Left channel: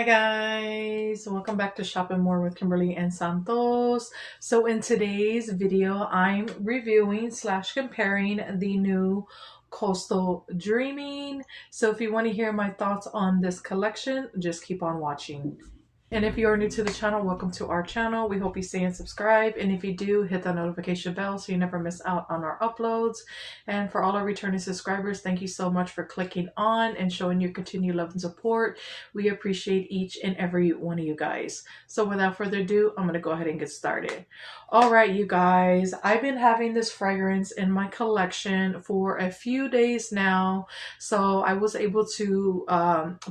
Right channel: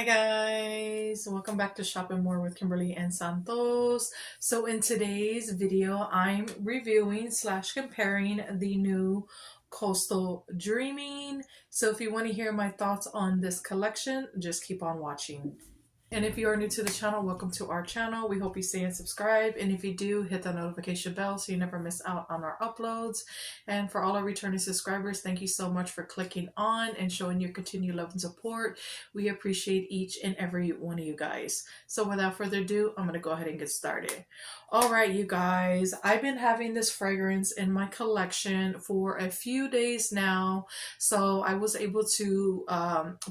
Hi guys, welcome back to Shopping More with Kimberly and Santos. So in today's video, I'm reviewing / comparing the new Coastal Dreaming. So if you want to hear my thoughts on this collection, just keep on watching. And if you are new to the channel, welcome to our channel. We hope you stay and subscribe. And if you do, hit the notification bell so you never miss out on our uploads. And for all our returning subscribers, thank you so much for clicking on and showing your continued love and support. We appreciate each and every one of you guys. So without further ado, I'm going to go ahead and get started. All right, you guys, I've been having this fragrance in my collection for a few days now. So I was able to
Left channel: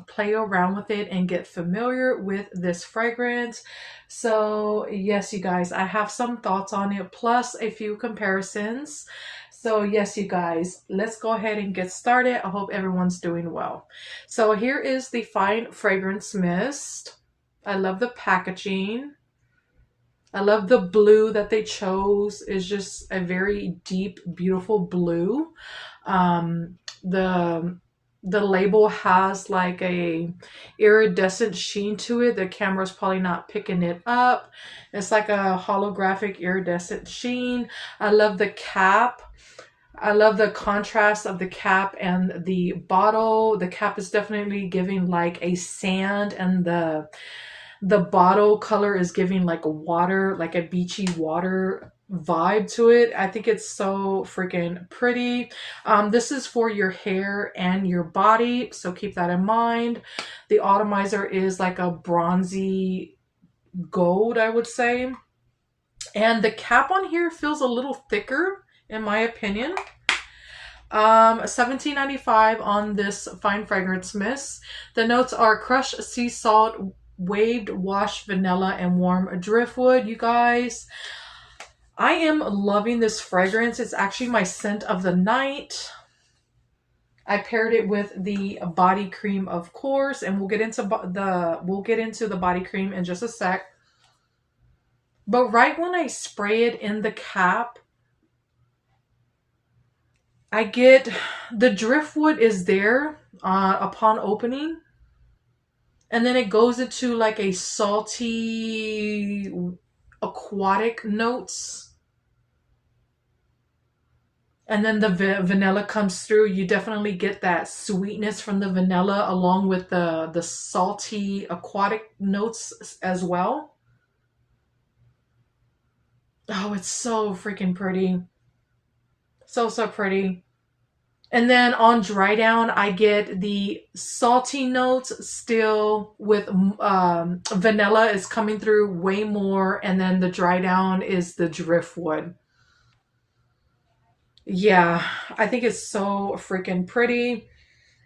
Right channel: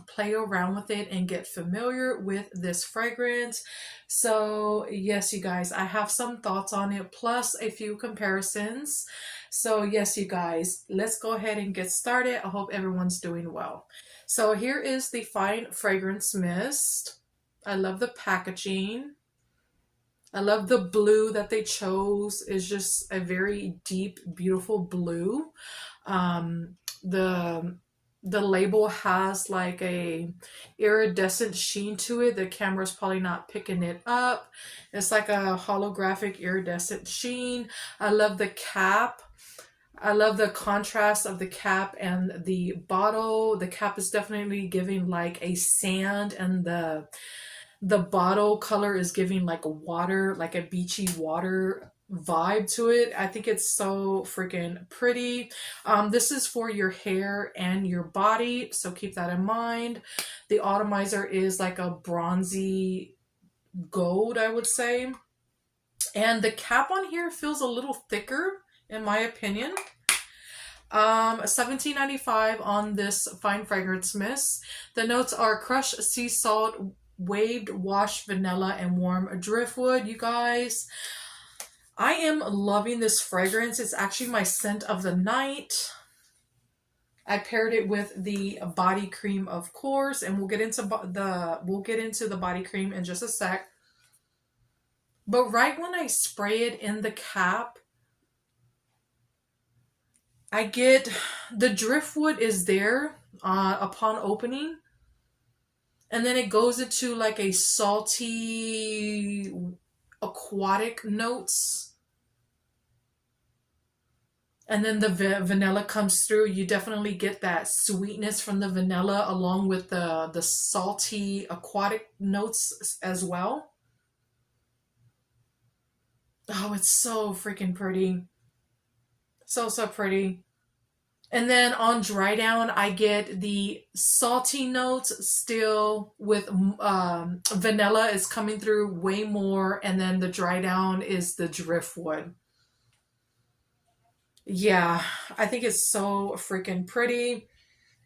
play around with it and get familiar with this fragrance. So yes, you guys, I have some thoughts on it plus a few comparisons. So yes, you guys, let's go ahead and get started. I hope everyone's doing well. So here is the Fine Fragrance Mist. I love the packaging. I love the blue that they chose. It's just a very deep, beautiful blue. The label has like a iridescent sheen to it. The camera's probably not picking it up. It's like a holographic iridescent sheen. I love the cap. I love the contrast of the cap and the bottle. The cap is definitely giving like a sand, and the bottle color is giving like water, like a beachy water vibe to it. I think it's so freaking pretty. This is for your hair and your body, so keep that in mind. The atomizer is like a bronzy gold, I would say. And the cap on here feels a little thicker, in my opinion. $17.95 on this Fine Fragrance Mist. The notes are crushed sea salt, waved washed vanilla, and warm driftwood. You guys, I am loving this fragrance. It's actually my scent of the night. I paired it with the body cream, of course, and we'll get into the body cream in just a sec. But right when I spray it in the cap, I get the driftwood is there upon opening. And then it goes into like a salty, aquatic notes. And then the vanilla comes through. You definitely get that sweetness from the vanilla along with the salty, aquatic notes as well. Oh, it's so freaking pretty. So pretty. And then on dry down, I get the salty notes still with vanilla is coming through way more. And then the dry down is the driftwood. Yeah, I think it's so freaking pretty.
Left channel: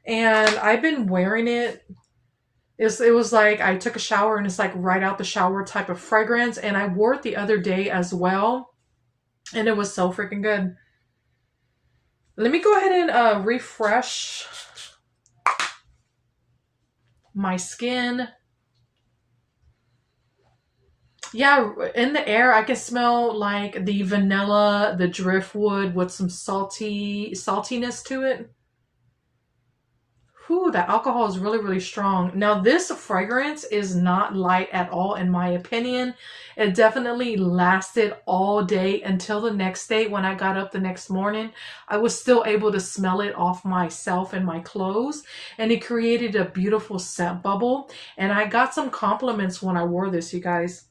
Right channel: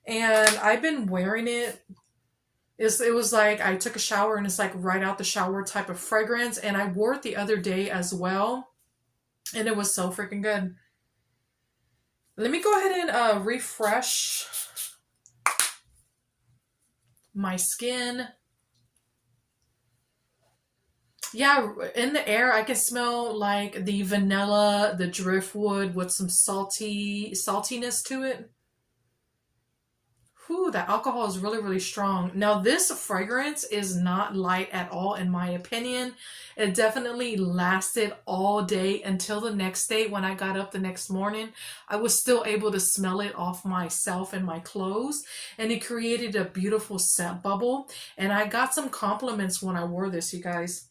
And I've been wearing it. It was like I took a shower and it's like right out the shower type of fragrance. And I wore it the other day as well. And it was so freaking good. Let me go ahead and refresh my skin. Yeah, in the air, I can smell like the vanilla, the driftwood with some saltiness to it. Whew, that alcohol is really, really strong. Now, this fragrance is not light at all, in my opinion. It definitely lasted all day until the next day. When I got up the next morning, I was still able to smell it off myself and my clothes. And it created a beautiful scent bubble. And I got some compliments when I wore this, you guys.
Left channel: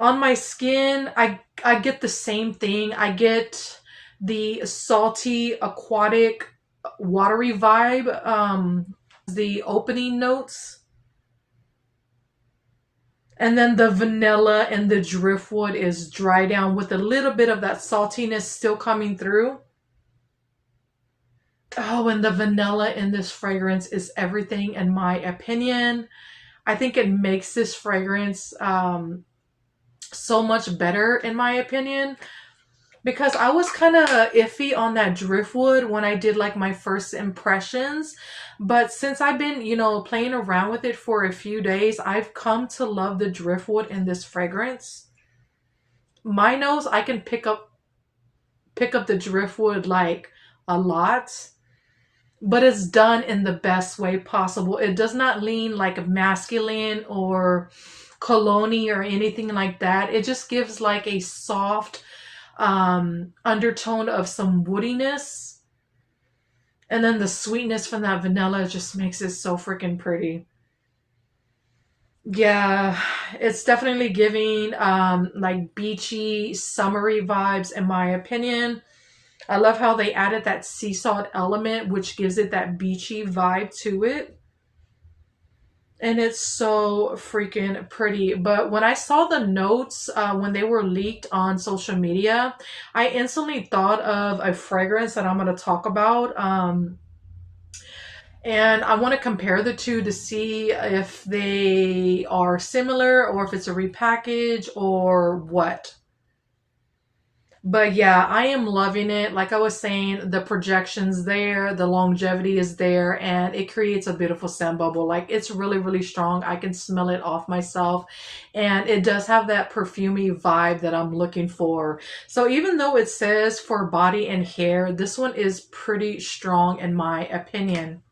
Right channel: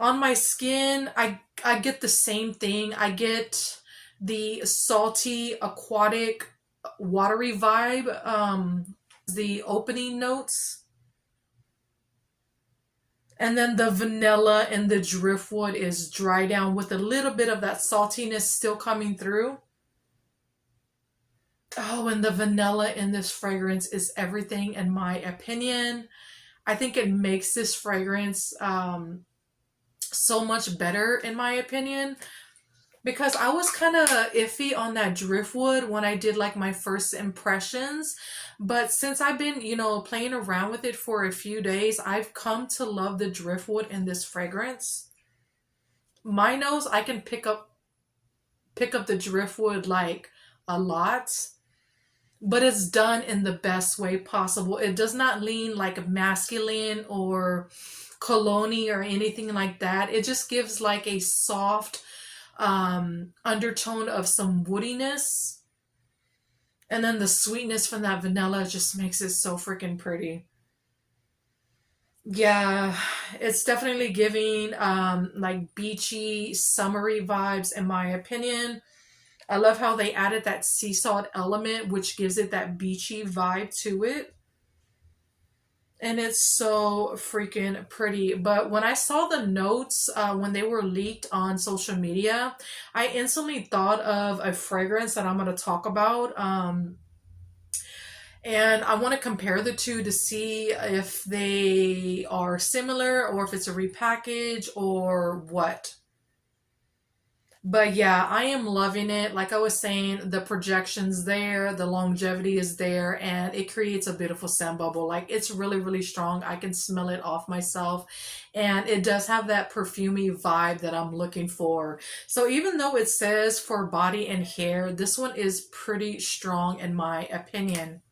On my skin, I get the same thing. I get the salty, aquatic, watery vibe, the opening notes, and then the vanilla and the driftwood is dry down with a little bit of that saltiness still coming through. Oh, and the vanilla in this fragrance is everything, in my opinion. I think it makes this fragrance so much better, in my opinion. Because I was kind of iffy on that driftwood when I did like my first impressions. But since I've been, playing around with it for a few days, I've come to love the driftwood in this fragrance. My nose, I can pick up the driftwood like a lot. but it's done in the best way possible. It does not lean like masculine or cologne or anything like that. It just gives like a soft undertone of some woodiness. And then the sweetness from that vanilla just makes it so freaking pretty. Yeah, it's definitely giving like beachy, summery vibes in my opinion. I love how they added that sea salt element, which gives it that beachy vibe to it. And it's so freaking pretty. But when I saw the notes, when they were leaked on social media, I instantly thought of a fragrance that I'm going to talk about. And I want to compare the two to see if they are similar or if it's a repackage or what. But yeah, I am loving it. Like I was saying, the projection's there, the longevity is there, and it creates a beautiful scent bubble. Like it's really, really strong. I can smell it off myself. And it does have that perfumey vibe that I'm looking for. So even though it says for body and hair, this one is pretty strong in my opinion.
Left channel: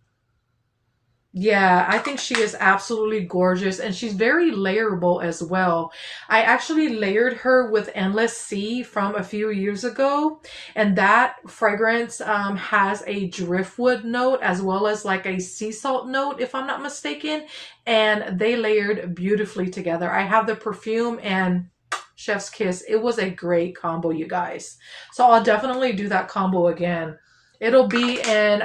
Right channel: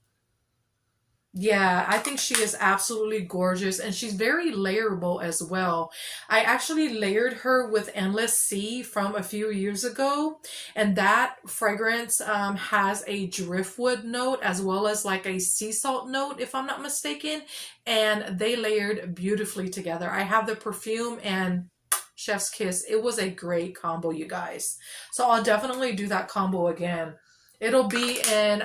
Yeah, I think she is absolutely gorgeous and she's very layerable as well. I actually layered her with Endless Sea from a few years ago, and that fragrance has a driftwood note as well as like a sea salt note, if I'm not mistaken, and they layered beautifully together. I have the perfume and Chef's Kiss. It was a great combo, you guys. So I'll definitely do that combo again. It'll be in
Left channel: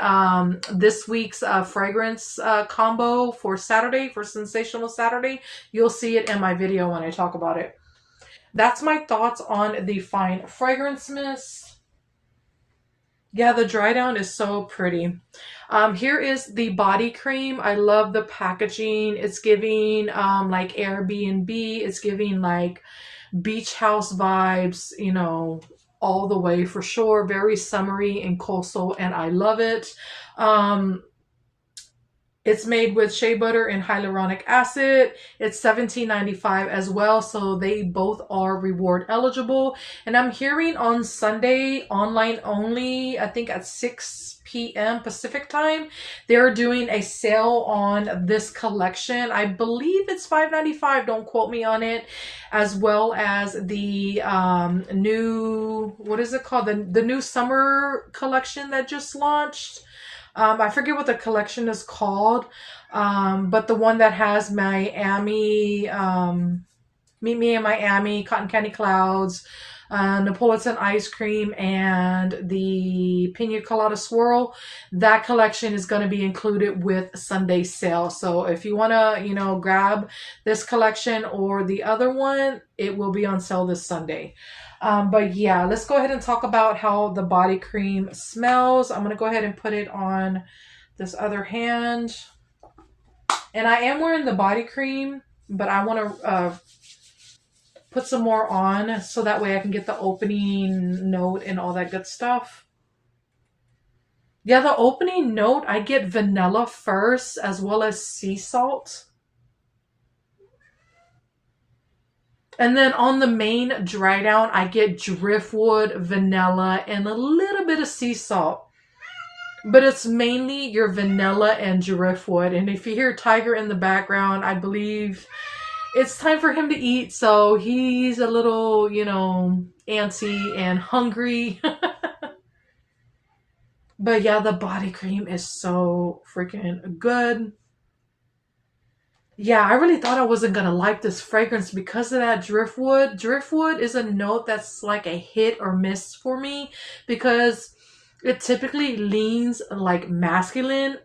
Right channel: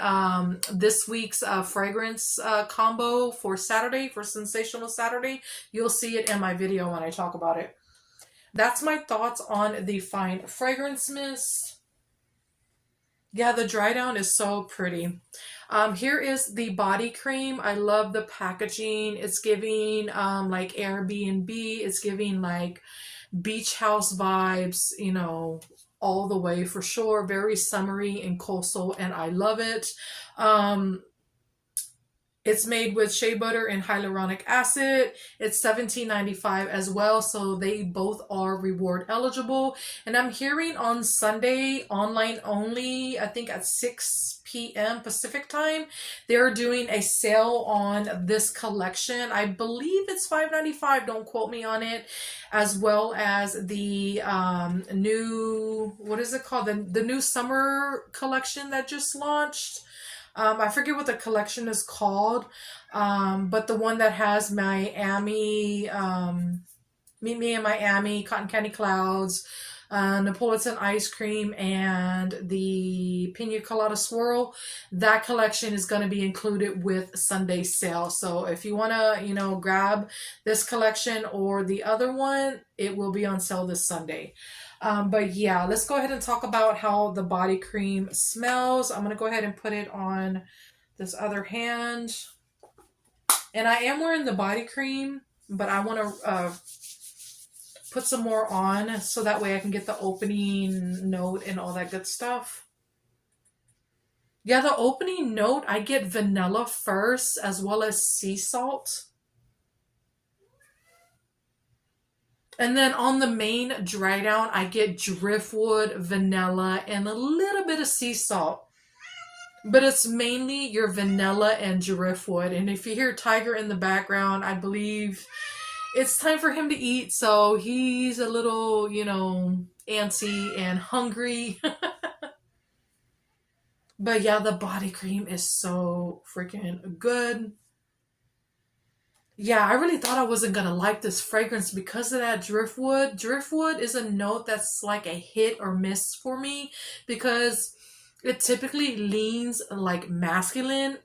this week's fragrance combo for Saturday, for Sensational Saturday. You'll see it in my video when I talk about it. That's my thoughts on the Fine Fragrance Mist. Yeah, the dry down is so pretty. Here is the body cream. I love the packaging. It's giving like Airbnb. It's giving like beach house vibes, you know, all the way for sure. Very summery and coastal, and I love it. It's made with shea butter and hyaluronic acid. It's $17.95 as well, so they both are reward eligible. And I'm hearing on Sunday, online only, I think at 6 p.m. Pacific time, they're doing a sale on this collection. I believe it's $5.95, don't quote me on it, as well as the new, what is it called? The new summer collection that just launched. I forget what the collection is called, but the one that has Miami, Meet Me in Miami, Cotton Candy Clouds, Neapolitan Ice Cream, and the Pina Colada Swirl, that collection is going to be included with Sunday sale. So if you want to, you know, grab this collection or the other one, it will be on sale this Sunday. But yeah, let's go ahead and talk about how the body cream smells. I'm going to go ahead and put it on this other hand. And I am wearing the body cream, but I want to put some more on so that way I can get the opening note and all that good stuff. Yeah, the opening note, I get vanilla first as well as sea salt. And then on the main dry down, I get driftwood, vanilla, and a little bit of sea salt. But it's mainly your vanilla and driftwood. And if you hear Tiger in the background, I believe it's time for him to eat. So he's a little, you know, antsy and hungry. But yeah, the body cream is so freaking good. Yeah, I really thought I wasn't going to like this fragrance because of that driftwood. Driftwood is a note that's like a hit or miss for me because it typically leans like masculine,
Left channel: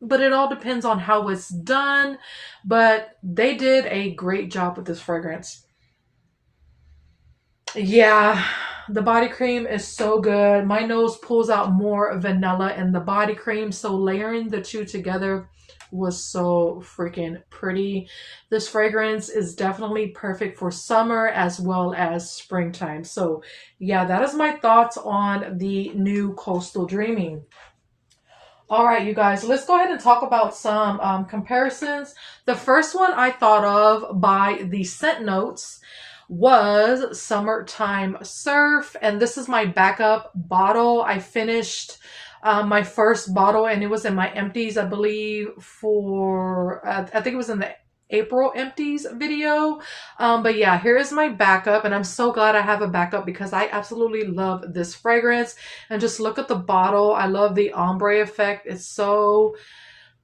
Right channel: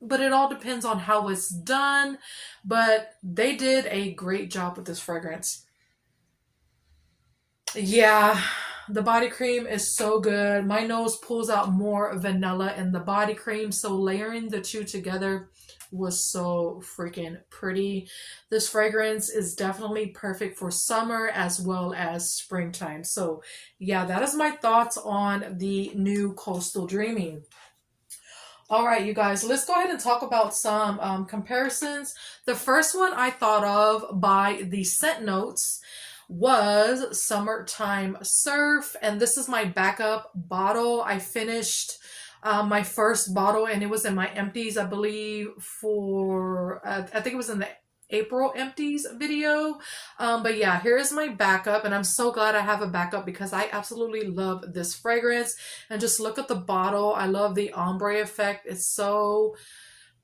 but it all depends on how it's done. But they did a great job with this fragrance. Yeah, the body cream is so good. My nose pulls out more vanilla in the body cream, so layering the two together was so freaking pretty. This fragrance is definitely perfect for summer as well as springtime. So yeah, that is my thoughts on the new Coastal Dreaming. All right, you guys, let's go ahead and talk about some comparisons. The first one I thought of by the scent notes was Summertime Surf, and this is my backup bottle. I finished my first bottle, and it was in my empties, I believe, for, I think it was in the April empties video. But yeah, here is my backup, and I'm so glad I have a backup because I absolutely love this fragrance. And just look at the bottle. I love the ombre effect. It's so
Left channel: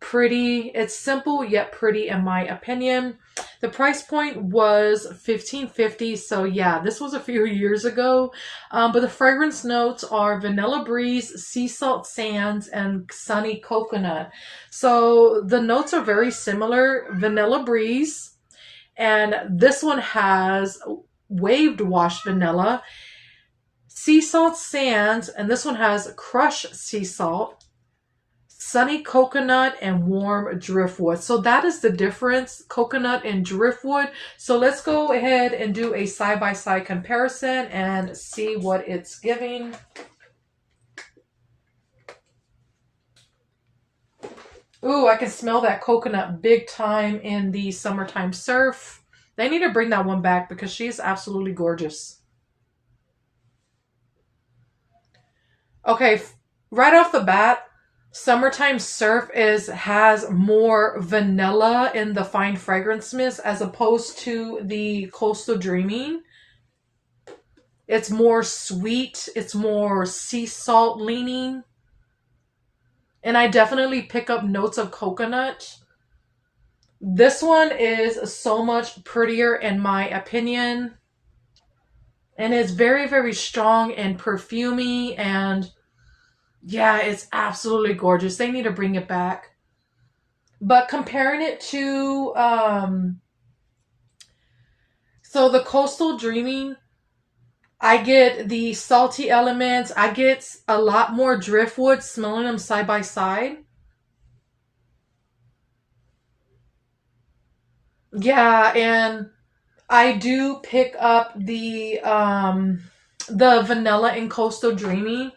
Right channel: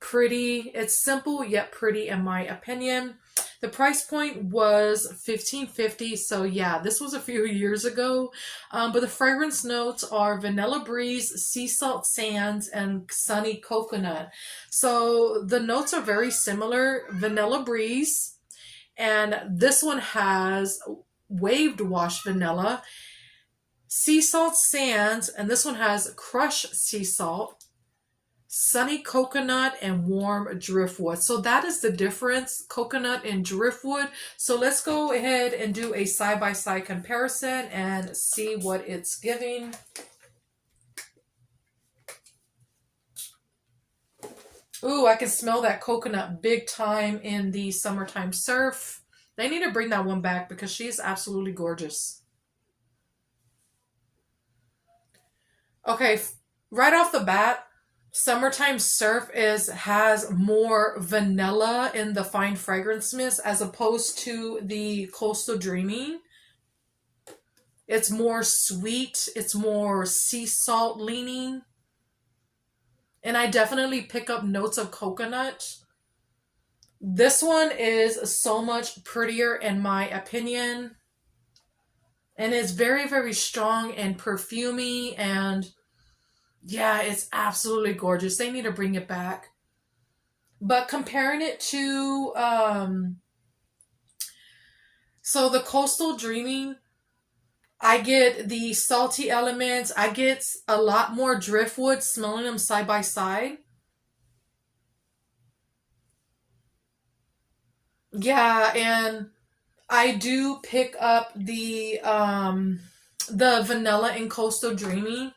pretty. It's simple yet pretty in my opinion. The price point was $15.50, so yeah, this was a few years ago. But the fragrance notes are vanilla breeze, sea salt sands, and sunny coconut. So the notes are very similar. Vanilla breeze, and this one has waved wash vanilla, sea salt sands, and this one has crushed sea salt, sunny coconut, and warm driftwood. So that is the difference, coconut and driftwood. So let's go ahead and do a side-by-side comparison and see what it's giving. Ooh, I can smell that coconut big time in the Summertime Surf. They need to bring that one back because she is absolutely gorgeous. Okay, right off the bat, Summertime Surf has more vanilla in the fine fragrance mist as opposed to the Coastal Dreaming. It's more sweet. It's more sea salt leaning. And I definitely pick up notes of coconut. This one is so much prettier in my opinion. And it's very, very strong and perfumey, and yeah, it's absolutely gorgeous. They need to bring it back. But comparing it to, so the Coastal Dreaming, I get the salty elements. I get a lot more driftwood smelling them side by side. Yeah, and I do pick up the vanilla in Coastal Dreaming,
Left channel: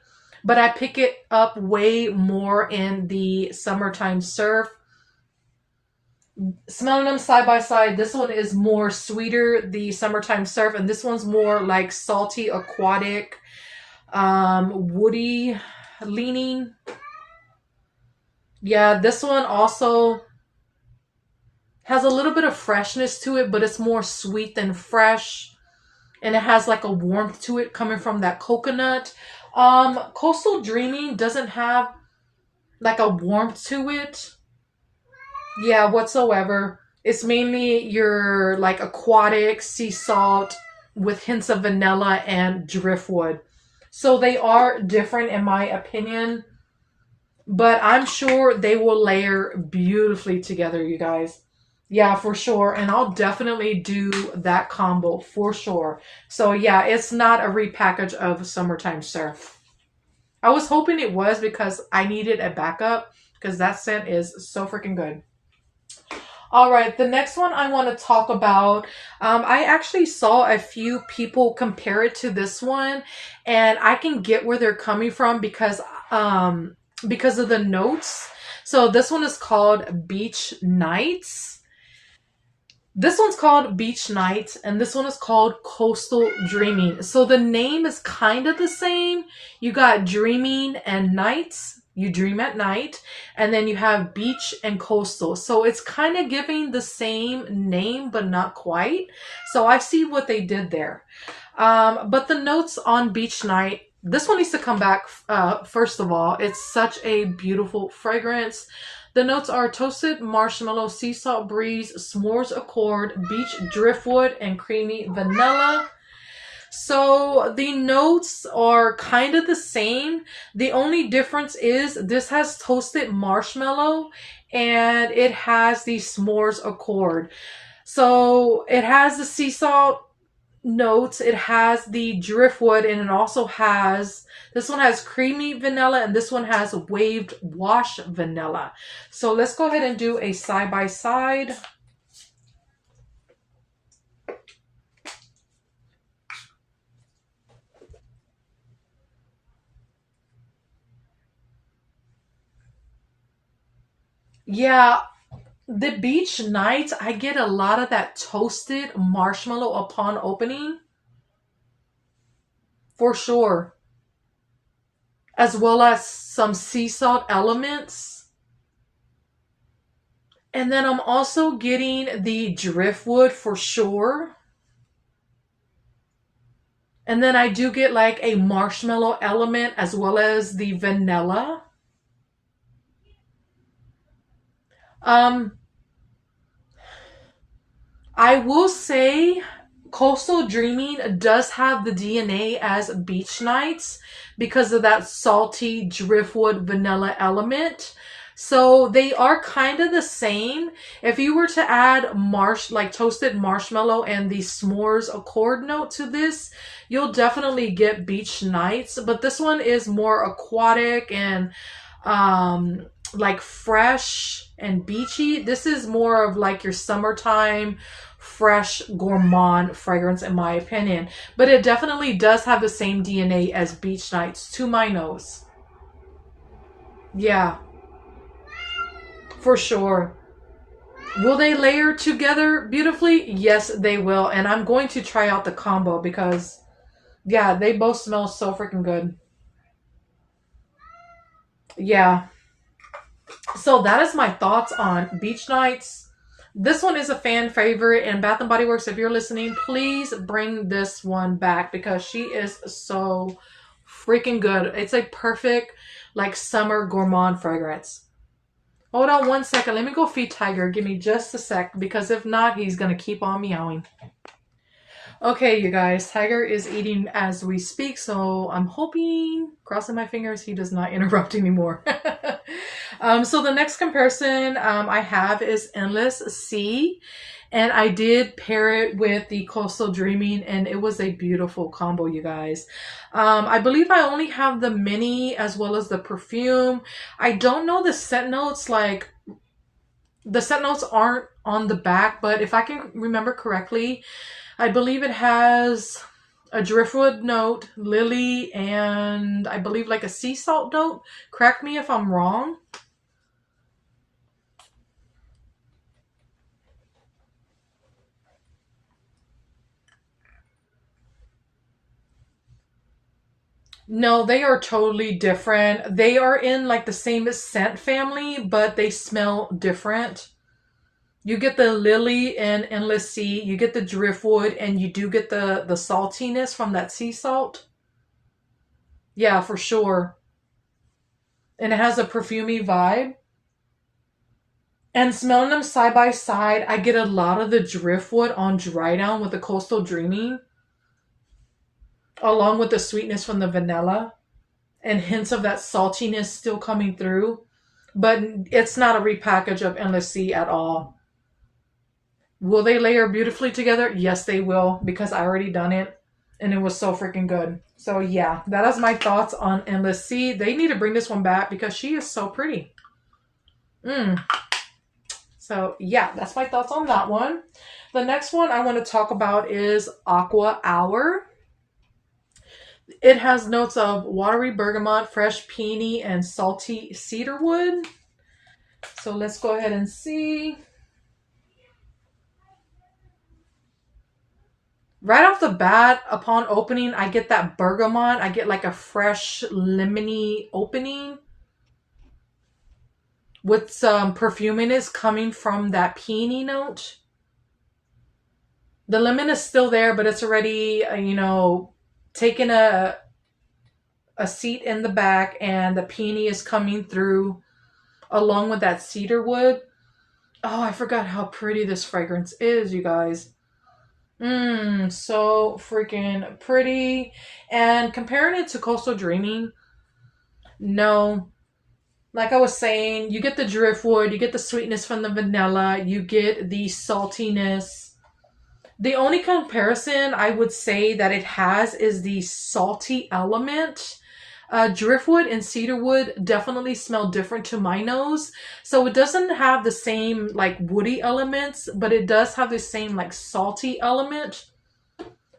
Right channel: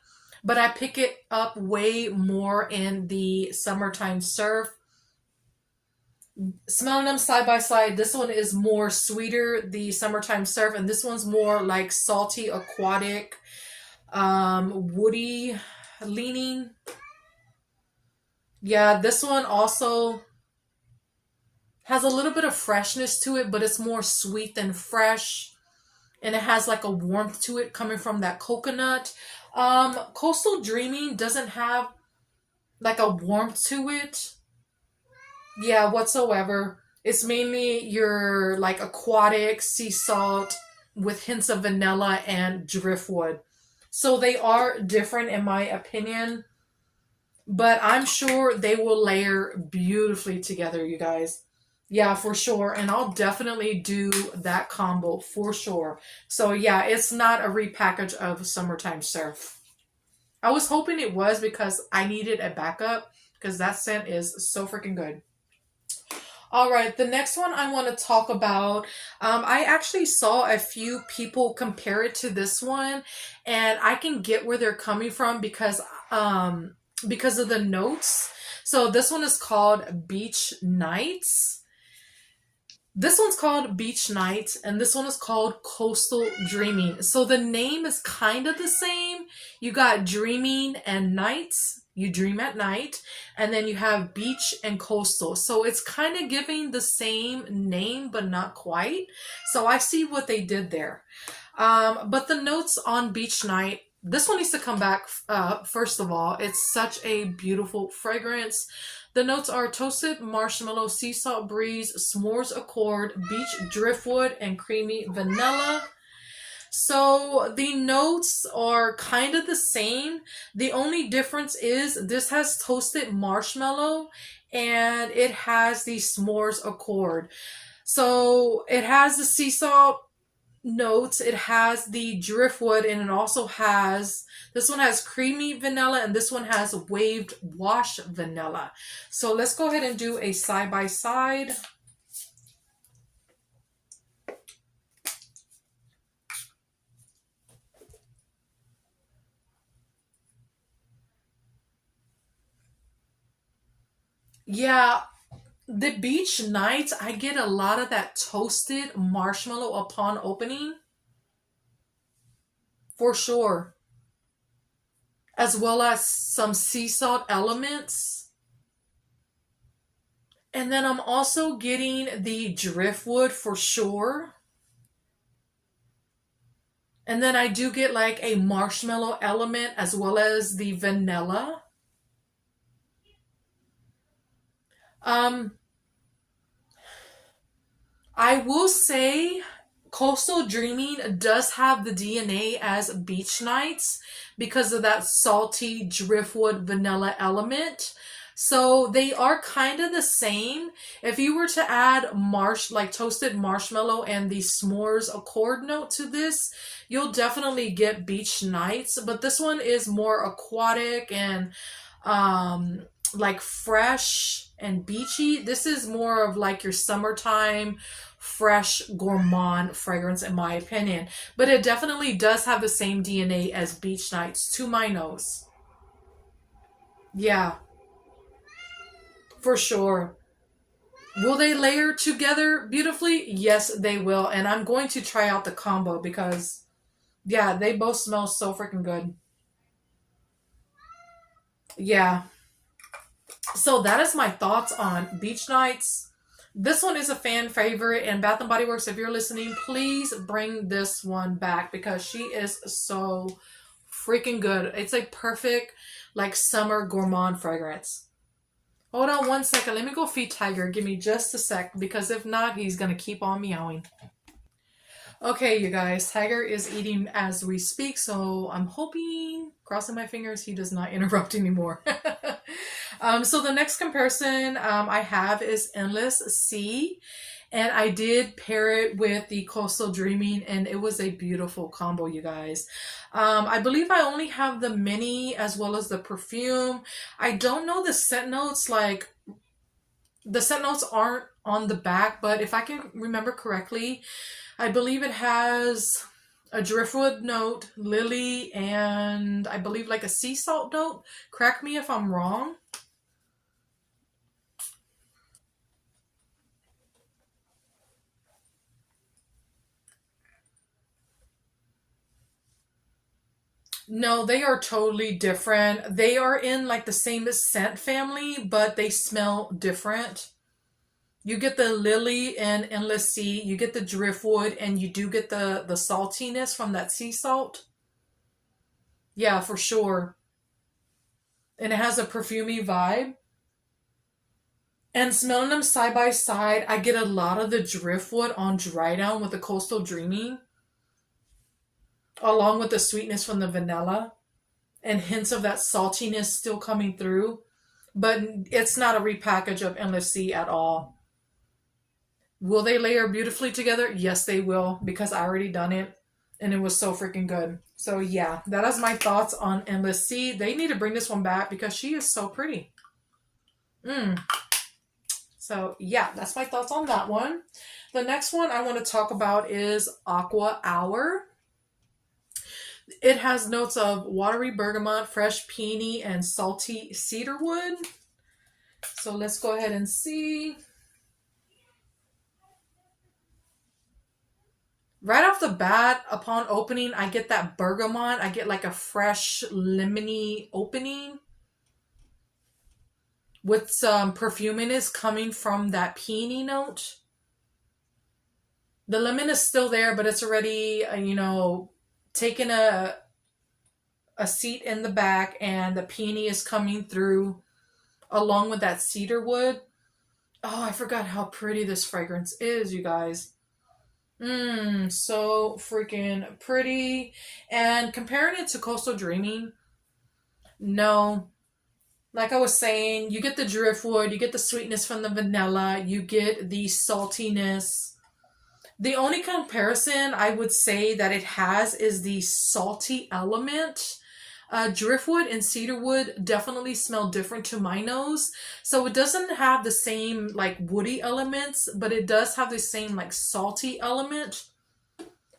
but I pick it up way more in the Summertime Surf. Smelling them side by side, this one is more sweeter, the Summertime Surf, and this one's more like salty, aquatic, woody leaning. Yeah, this one also has a little bit of freshness to it, but it's more sweet than fresh. And it has like a warmth to it coming from that coconut. Coastal Dreaming doesn't have like a warmth to it. Yeah, whatsoever. It's mainly your like aquatic sea salt with hints of vanilla and driftwood. So they are different in my opinion. But I'm sure they will layer beautifully together, you guys. Yeah, for sure. And I'll definitely do that combo for sure. So yeah, it's not a repackage of Summertime Surf. I was hoping it was because I needed a backup because that scent is so freaking good. All right, the next one I want to talk about, I actually saw a few people compare it to this one, and I can get where they're coming from because of the notes. So this one is called Beach Nights. This one's called Beach Nights, and this one is called Coastal Dreaming. So the name is kind of the same. You got dreaming and nights. You dream at night, and then you have beach and coastal. So it's kind of giving the same name, but not quite. So I see what they did there. But the notes on Beach Night, this one needs to come back first of all. It's such a beautiful fragrance. The notes are toasted marshmallow, sea salt breeze, s'mores accord, beach driftwood, and creamy vanilla. So the notes are kind of the same. The only difference is this has toasted marshmallow and it has the s'mores accord. So it has the sea salt notes, it has the driftwood, and it also has, this one has creamy vanilla and this one has waved wash vanilla. So let's go ahead and do a side by side. Yeah, the Beach Nights, I get a lot of that toasted marshmallow upon opening. For sure. as well as some sea salt elements. And then I'm also getting the driftwood for sure. And then I do get like a marshmallow element as well as the vanilla. I will say Coastal Dreaming does have the DNA as Beach Nights because of that salty driftwood vanilla element. So they are kind of the same. If you were to add like toasted marshmallow and the s'mores accord note to this, you'll definitely get Beach Nights. But this one is more aquatic and like fresh and beachy. This is more of like your summertime fresh gourmand fragrance in my opinion, but it definitely does have the same DNA as Beach Nights to my nose. Yeah, for sure. Will they layer together beautifully? Yes, they will. And I'm going to try out the combo because, yeah, they both smell so freaking good. Yeah. So that is my thoughts on Beach Nights. This one is a fan favorite, and Bath & Body Works, if you're listening, please bring this one back because she is so freaking good. It's a perfect, like, summer gourmand fragrance. Hold on one second. Let me go feed Tiger. Give me just a sec, because if not, he's going to keep on meowing. Okay, you guys, Tiger is eating as we speak, so I'm hoping, crossing my fingers, he does not interrupt anymore. So the next comparison I have is Endless Sea, and I did pair it with the Coastal Dreaming, and it was a beautiful combo, you guys. I believe I only have the mini as well as the perfume. I don't know the scent notes, like, the scent notes aren't on the back, but if I can remember correctly, I believe it has a driftwood note, lily, and I believe like a sea salt note. Correct me if I'm wrong. No, they are totally different. They are in like the same scent family, but they smell different. You get the lily and Endless Sea, you get the driftwood, and you do get the saltiness from that sea salt. Yeah, for sure. And it has a perfumey vibe. And smelling them side by side, I get a lot of the driftwood on dry down with the Coastal Dreaming, along with the sweetness from the vanilla, and hints of that saltiness still coming through. But it's not a repackage of Endless Sea at all. Will they layer beautifully together? Yes, they will, because I already done it, and it was so freaking good. So yeah, that is my thoughts on Endless Sea. They need to bring this one back because she is so pretty. So yeah, that's my thoughts on that one. The next one I want to talk about is Aqua Hour. It has notes of watery bergamot, fresh peony, and salty cedarwood. So let's go ahead and see. Right off the bat, upon opening, I get that bergamot. I get like a fresh lemony opening with some perfuminess coming from that peony note. The lemon is still there, but it's already, taken a seat in the back, and the peony is coming through along with that cedarwood. Oh, I forgot how pretty this fragrance is, you guys. So freaking pretty. And comparing it to Coastal Dreaming, no. Like I was saying, you get the driftwood, you get the sweetness from the vanilla, you get the saltiness. The only comparison I would say that it has is the salty element. Driftwood and cedarwood definitely smell different to my nose. So it doesn't have the same like woody elements, but it does have the same like salty element.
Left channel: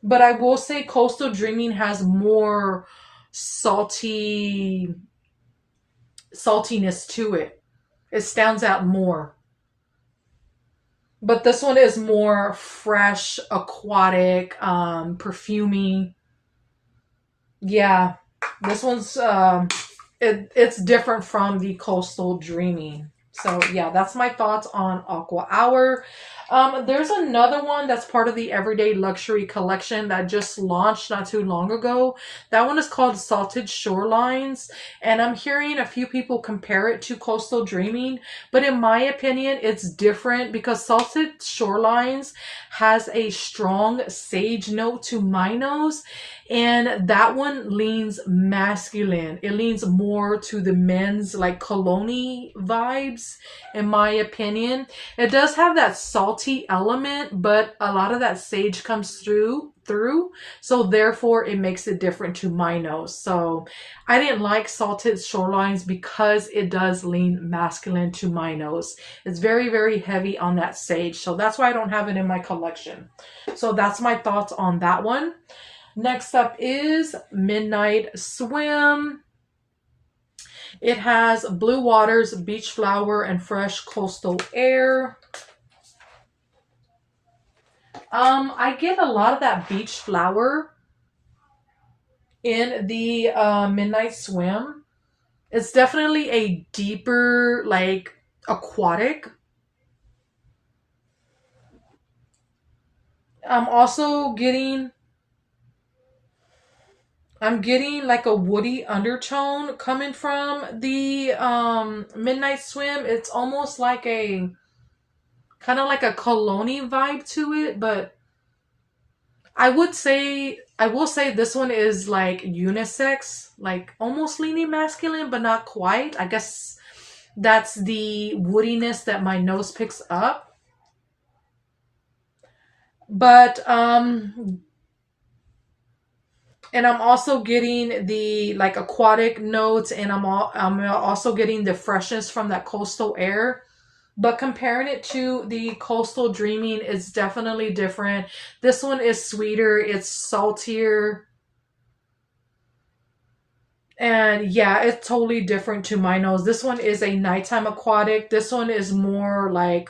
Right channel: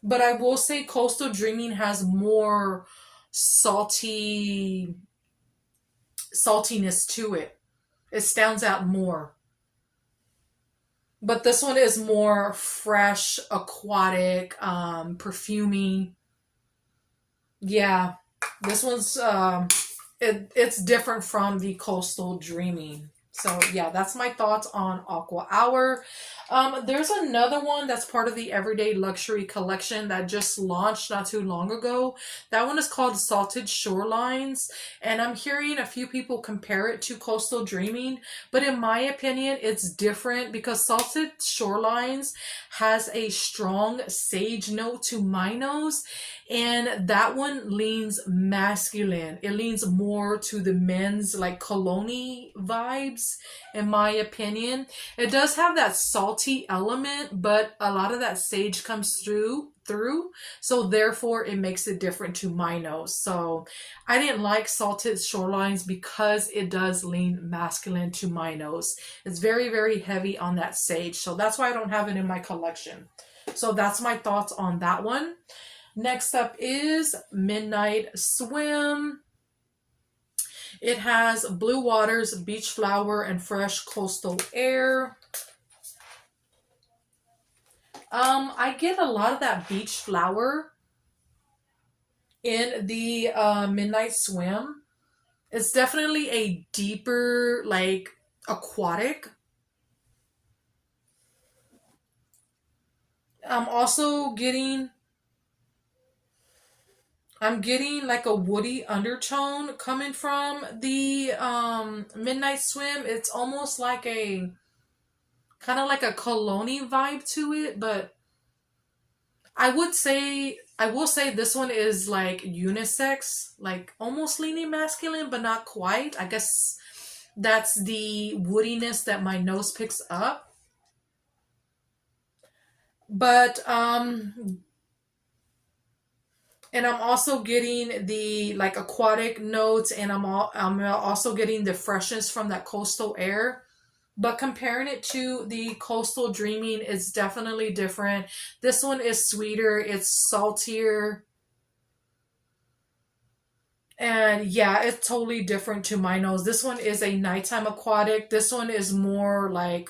But I will say Coastal Dreaming has more saltiness to it. It stands out more. But this one is more fresh, aquatic, perfumey. Yeah, this one's it's different from the Coastal Dreaming. So yeah, that's my thoughts on Aqua Hour. There's another one that's part of the Everyday Luxury collection that just launched not too long ago. That one is called Salted Shorelines, and I'm hearing a few people compare it to Coastal Dreaming, but in my opinion, it's different because Salted Shorelines has a strong sage note to my nose, and that one leans masculine. It leans more to the men's like cologne vibes, in my opinion. It does have that salty element, but a lot of that sage comes through. So therefore it makes it different to my nose. So I didn't like Salted Shorelines because it does lean masculine to my nose. It's very, very heavy on that sage. So that's why I don't have it in my collection. So that's my thoughts on that one. Next up is Midnight Swim. It has Blue Waters, Beach Flower, and Fresh Coastal Air. I get a lot of that beach flower in the Midnight Swim. It's definitely a deeper, like, aquatic. I'm also getting... I'm getting like a woody undertone coming from the Midnight Swim. It's almost like a kind of like a cologne vibe to it, but I will say this one is like unisex, like almost leaning masculine, but not quite. I guess that's the woodiness that my nose picks up. But and I'm also getting the like aquatic notes, and I'm also getting the freshness from that coastal air. But comparing it to the Coastal Dreaming, it's definitely different. This one is sweeter, it's saltier. And yeah, it's totally different to my nose. This one is a nighttime aquatic. This one is more like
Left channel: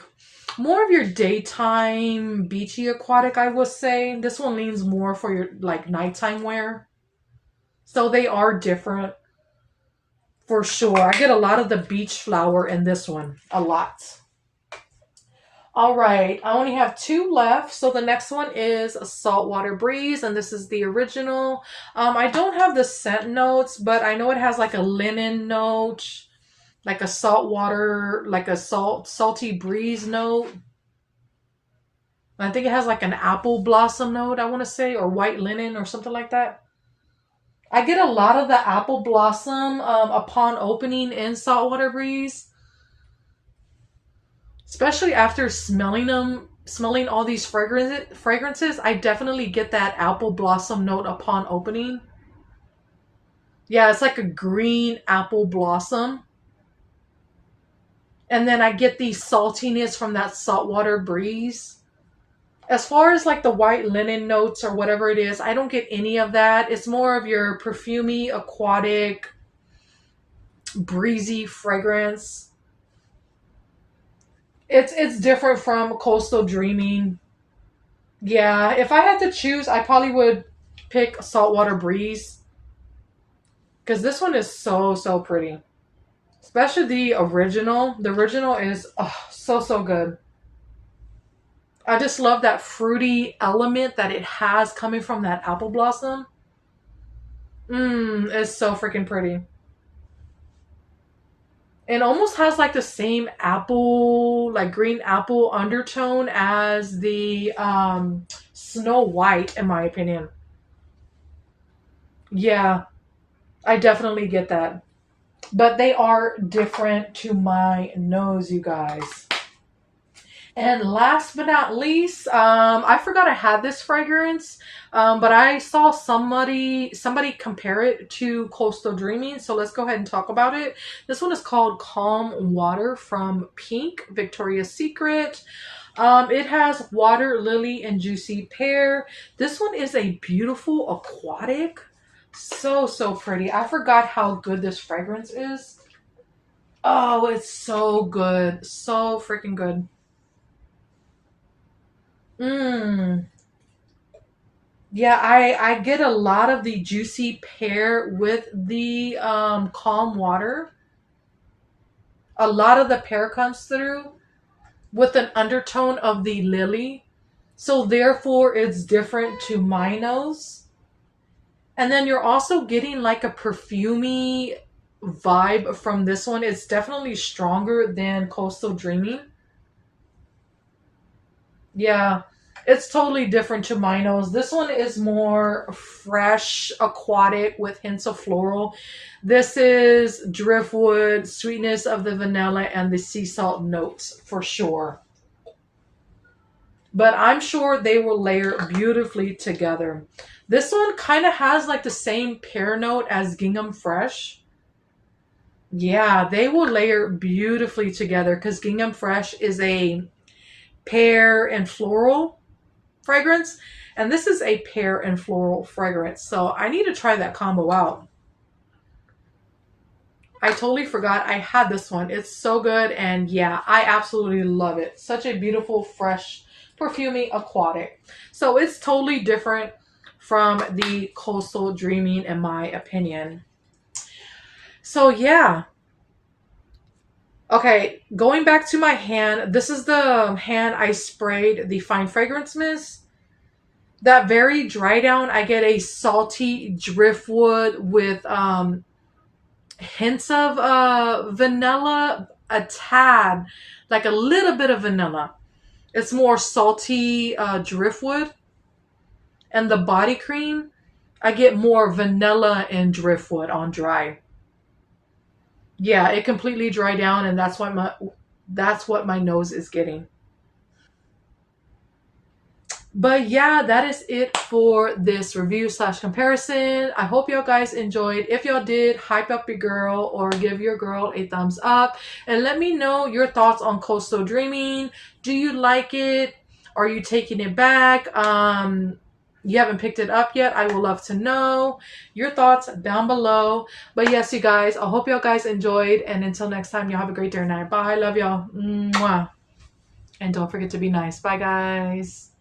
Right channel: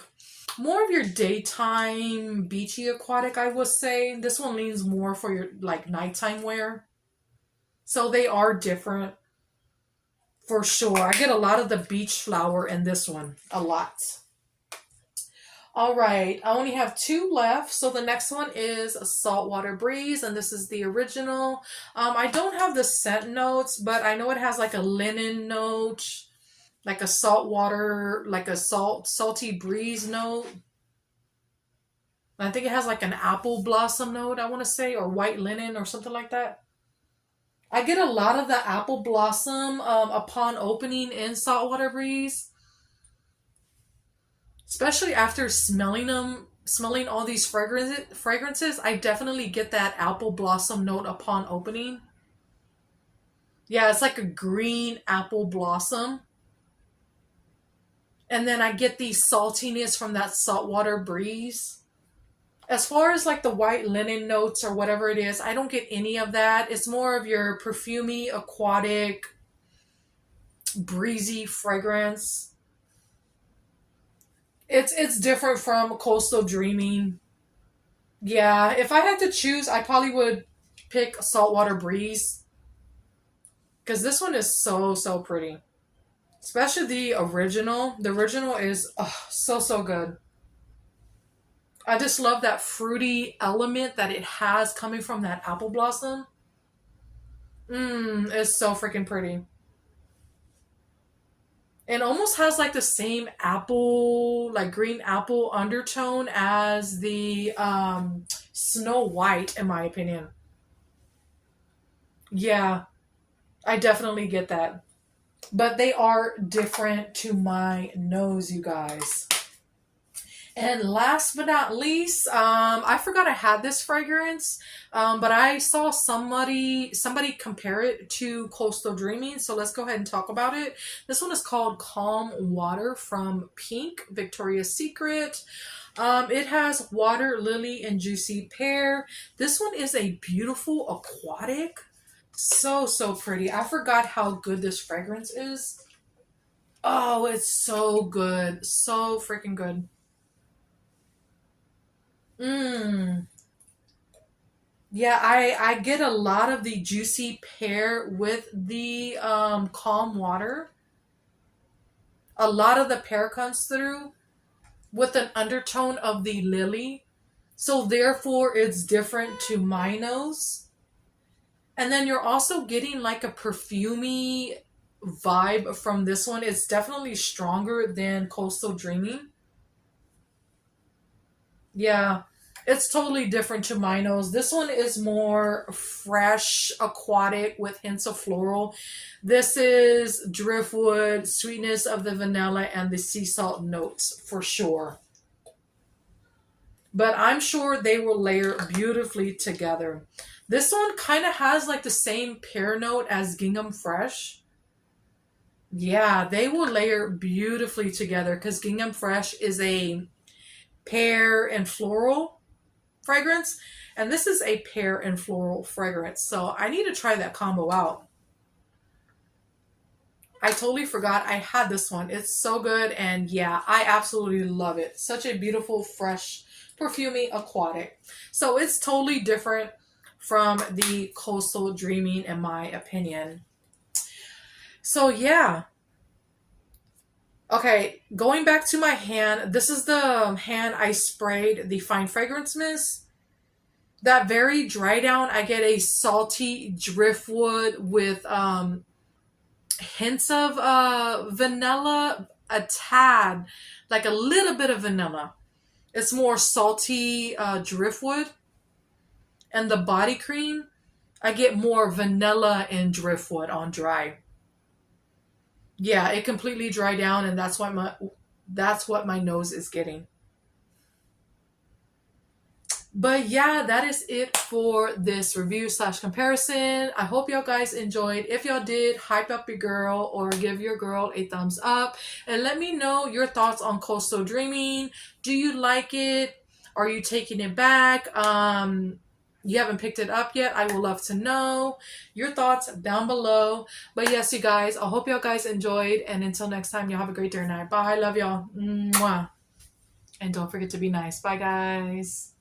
more of your daytime beachy aquatic, I would say. This one leans more for your like nighttime wear. So they are different for sure. I get a lot of the beach flower in this one. A lot. All right, I only have two left. So the next one is a Saltwater Breeze, and this is the original. I don't have the scent notes, but I know it has like a linen note, like a saltwater, like a salty breeze note. I think it has like an apple blossom note, I want to say, or white linen or something like that. I get a lot of the apple blossom upon opening in Saltwater Breeze. Especially after smelling all these fragrances, I definitely get that apple blossom note upon opening. Yeah, it's like a green apple blossom. And then I get the saltiness from that Saltwater Breeze. As far as like the white linen notes or whatever it is, I don't get any of that. It's more of your perfumey, aquatic, breezy fragrance. It's different from Coastal Dreaming. Yeah, if I had to choose, I probably would pick Saltwater Breeze. Because this one is so, so pretty. Especially the original. The original is so, so good. I just love that fruity element that it has coming from that apple blossom. It's so freaking pretty. It almost has like the same apple, like green apple undertone as the Snow White, in my opinion. Yeah, I definitely get that. But they are different to my nose, you guys. And last but not least, I forgot I had this fragrance, but I saw somebody compare it to Coastal Dreaming, so let's go ahead and talk about it. This one is called Calm Water from Pink, Victoria's Secret. It has water, lily, and juicy pear. This one is a beautiful aquatic. So, so pretty. I forgot how good this fragrance is. Oh, it's so good. So freaking good. Mmm. Yeah, I get a lot of the juicy pear with the calm water. A lot of the pear comes through with an undertone of the lily. So therefore it's different to my nose. And then you're also getting like a perfumey vibe from this one. It's definitely stronger than Coastal Dreaming. Yeah, it's totally different to my nose. This one is more fresh, aquatic with hints of floral. This is driftwood, sweetness of the vanilla, and the sea salt notes for sure. But I'm sure they will layer beautifully together. This one kind of has like the same pear note as Gingham Fresh. Yeah, they will layer beautifully together because Gingham Fresh is a pear and floral fragrance, and this is a pear and floral fragrance. So I need to try that combo out. I totally forgot I had this one. It's so good, and yeah, I absolutely love it. Such a beautiful, fresh, perfumey aquatic. So it's totally different from the Coastal Dreaming in my opinion. So yeah. Okay, going back to my hand, this is the hand I sprayed the fine fragrance mist. That very dry down, I get a salty driftwood with hints of vanilla, a tad, like a little bit of vanilla. It's more salty driftwood. And the body cream, I get more vanilla and driftwood on dry. Yeah, it completely dried down, and that's what my nose is getting. But yeah, that is it for this review slash comparison. I hope y'all guys enjoyed. If y'all did, hype up your girl or give your girl a thumbs up. And let me know your thoughts on Coastal Dreaming. Do you like it? Are you taking it back? You haven't picked it up yet. I would love to know your thoughts down below. But yes, you guys, I hope y'all guys enjoyed. And until next time, y'all have a great day or night. Bye. Love y'all. Mwah. And don't forget to be nice. Bye, guys.